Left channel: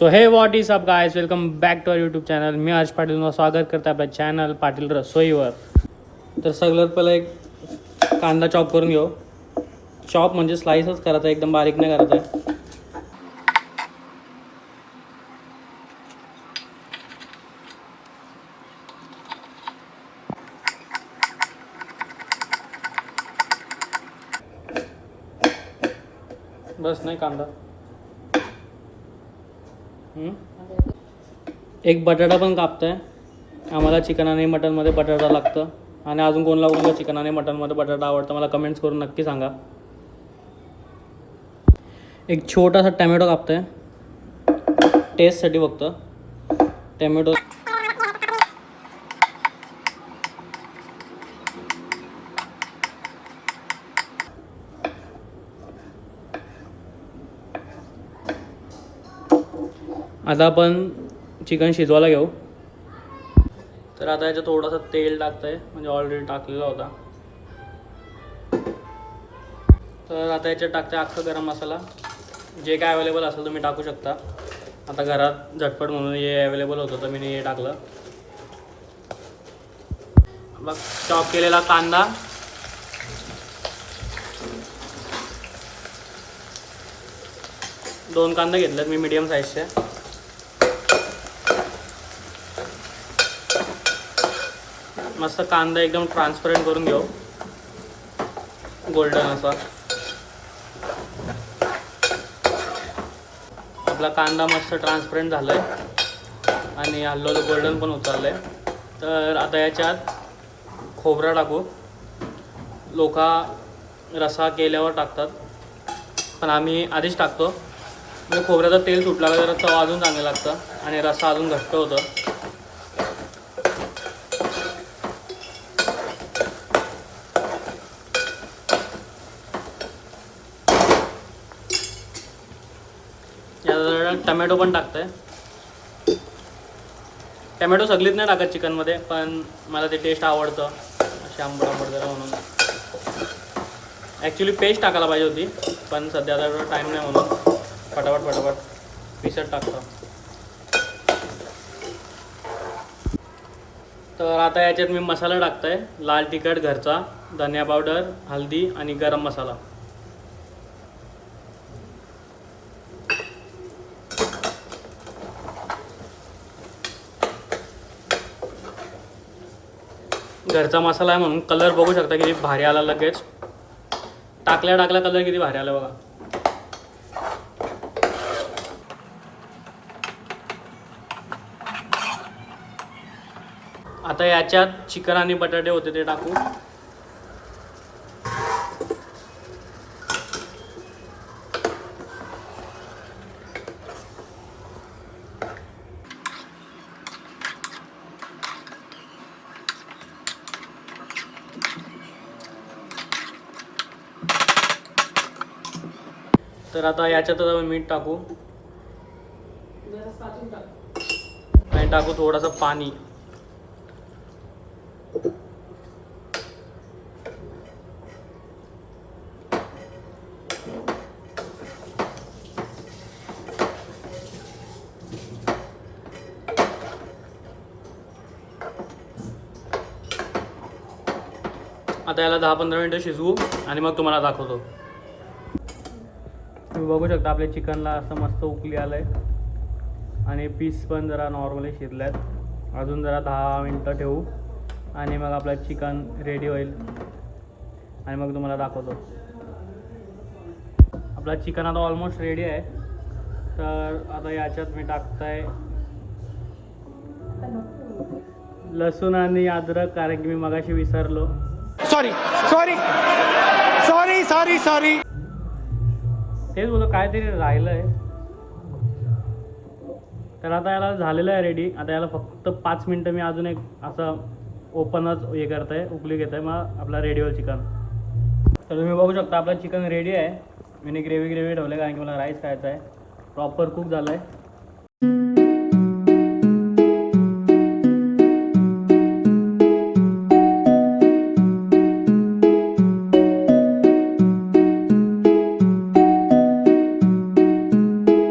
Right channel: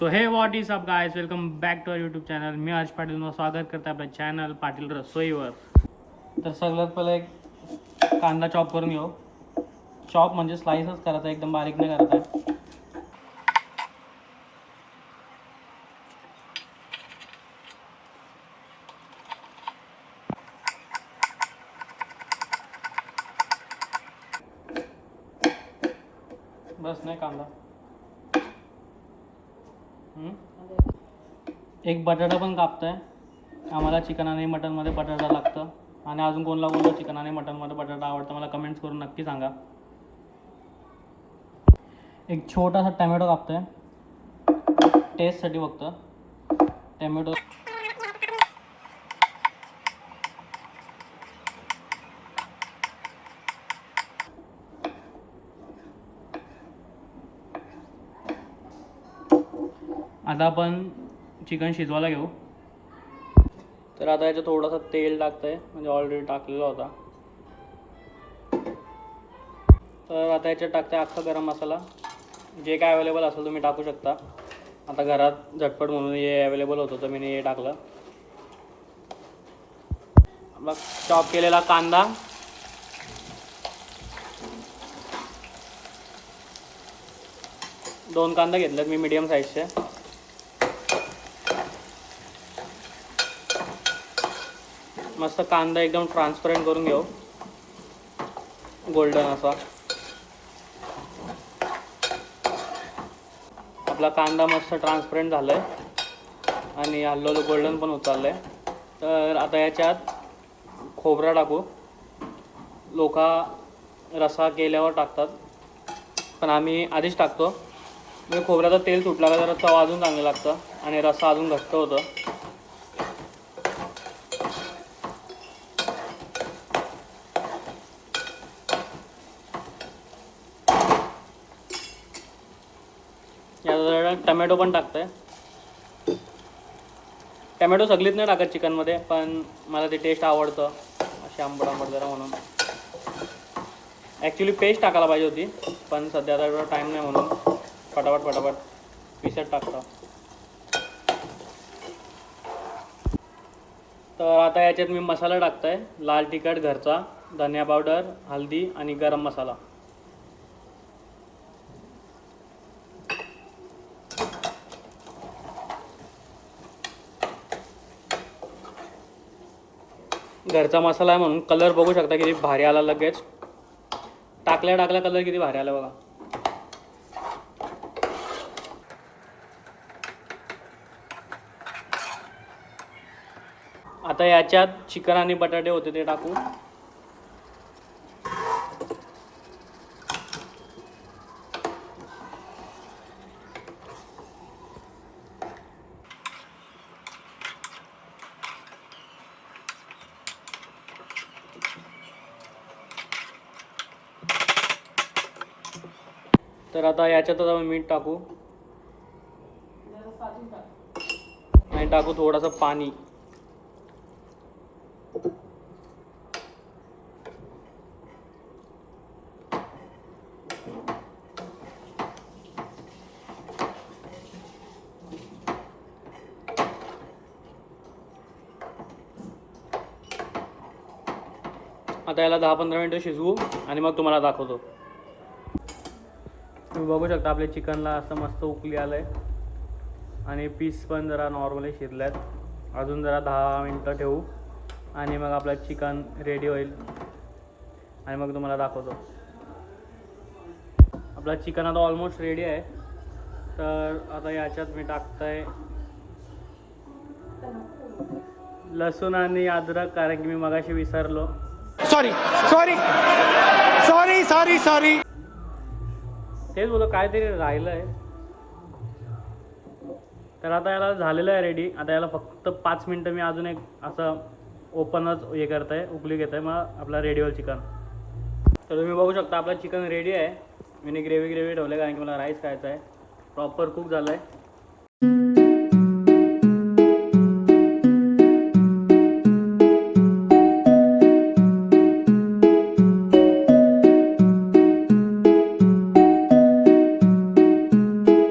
So hey what is up guys, welcome back to our YouTube channel. मी हर्ष पाटील स्वागत करते आपल्या चॅनल पाटील रसोईवर. तर सगळ्यात पहिलं एक कांदा चॉप करून घेऊ. चॉप म्हणजे स्लाइसच करायचा, एकदम बारीक नाही करायचा. बस नाही कांदा. एक बटाटा पण कापताय. आम्हाला चिकन आणि मटनमध्ये बटाटा लागतं आणि अजून कोणला कोणला चिकन आणि मटनमध्ये बटाटा आवडतं मला कमेंट्स करून नक्की सांगा. एक छोटासा टॅमॅटो कापताय टेस्टसाठी फक्त. टॅमॅटो आता आपण चिकन शिजवायला घेऊ. तर आता याच्यात थोडंसं तेल टाकतंय, म्हणजे ऑलरेडी टाकलेला होता. तर आता याच्यात टाकते अख्खा गरम मसाला. जे काय अवेलेबल असेल तुम्ही टाकू शकता. आता घरात झटपट म्हणून हे अवेलेबल होतं तर मी हे टाकलं. मग चॉप केलेला कांदा, दोन कांदा घेतलेत मी मीडियम साईजचे. मस्त कांदा एकदम ट्रान्सपरंट करून घेऊ, गोल्डन असा. आपला कांदा मस्त ट्रान्सपरंट झाला आहे आणि हल्लो गोल्डन पण होत चाललं आहे. तर आता याच्यात खोबरा टाकू. लोक रसा केल्यावर टाकतात पण आम्ही आधीच टाकतो. म्हणजे खोबऱ्याचं तेल सुटला का जरा चव अजून चांगलं लागतं आणि रसा अजून घट्ट होतं. यात टमॅटो पण टाकतंय. टमॅटो सगळीच नाही टाकत चिकनमध्ये, पण मला ते टेस्ट आवडतं अशी आंबट आंबट जरा म्हणून. ॲक्च्युली पेस्ट टाकायला पाहिजे होती पण सध्या आता एवढा टाईम नाही म्हणून फटाफट पिसट टाकतो. तर आता याच्यात मी मसाला टाकतोय. लाल तिखट घरचा, धनिया पावडर, हळदी आणि गरम मसाला. घरचा मसाला आहे म्हणून कलर बघू शकता किती भारी आला. लगेच टाकल्या कलर किती भारी आला बघा. आता याच्यात चिकन आणि बटाटे होते ते टाकू. तर आता याच्यातच आपण मीठ टाकू आणि टाकू थोडंसं पाणी. आता याला 10-15 मिनटं शिजवू आणि मग तुम्हाला दाखवतो. तुम्ही बघू शकता आपल्या चिकनला असं मस्त उकली आलं आहे आणि पीस पण जरा नॉर्मली शिजल्यात. अजून जरा 10 मिनटं ठेवू आणि मग आपलं चिकन रेडी होईल आणि मग तुम्हाला दाखवतो. आपला चिकन आता ऑलमोस्ट रेडी आहे. तर आता याच्यात मी टाकतोय लसूण आणि अद्रक, कारण की मी मगाशी विसरलो. सॉरी तेच बोलतो काहीतरी राहिलं आहे. तर आता याला झालेलं आहे रेडी. आता याला फक्त 5 मिनटं मी अजून एक असं ओपनच हे करत आहे, उकली घेत आहे, मग आपला रेडी होईल चिकन. तर तुम्ही बघू शकता आपलं चिकन रेडी आहे. मी ग्रेव्ही ठेवलं कारण की मला राईस खायचा आहे. प्रॉपर कुक झालं आहे.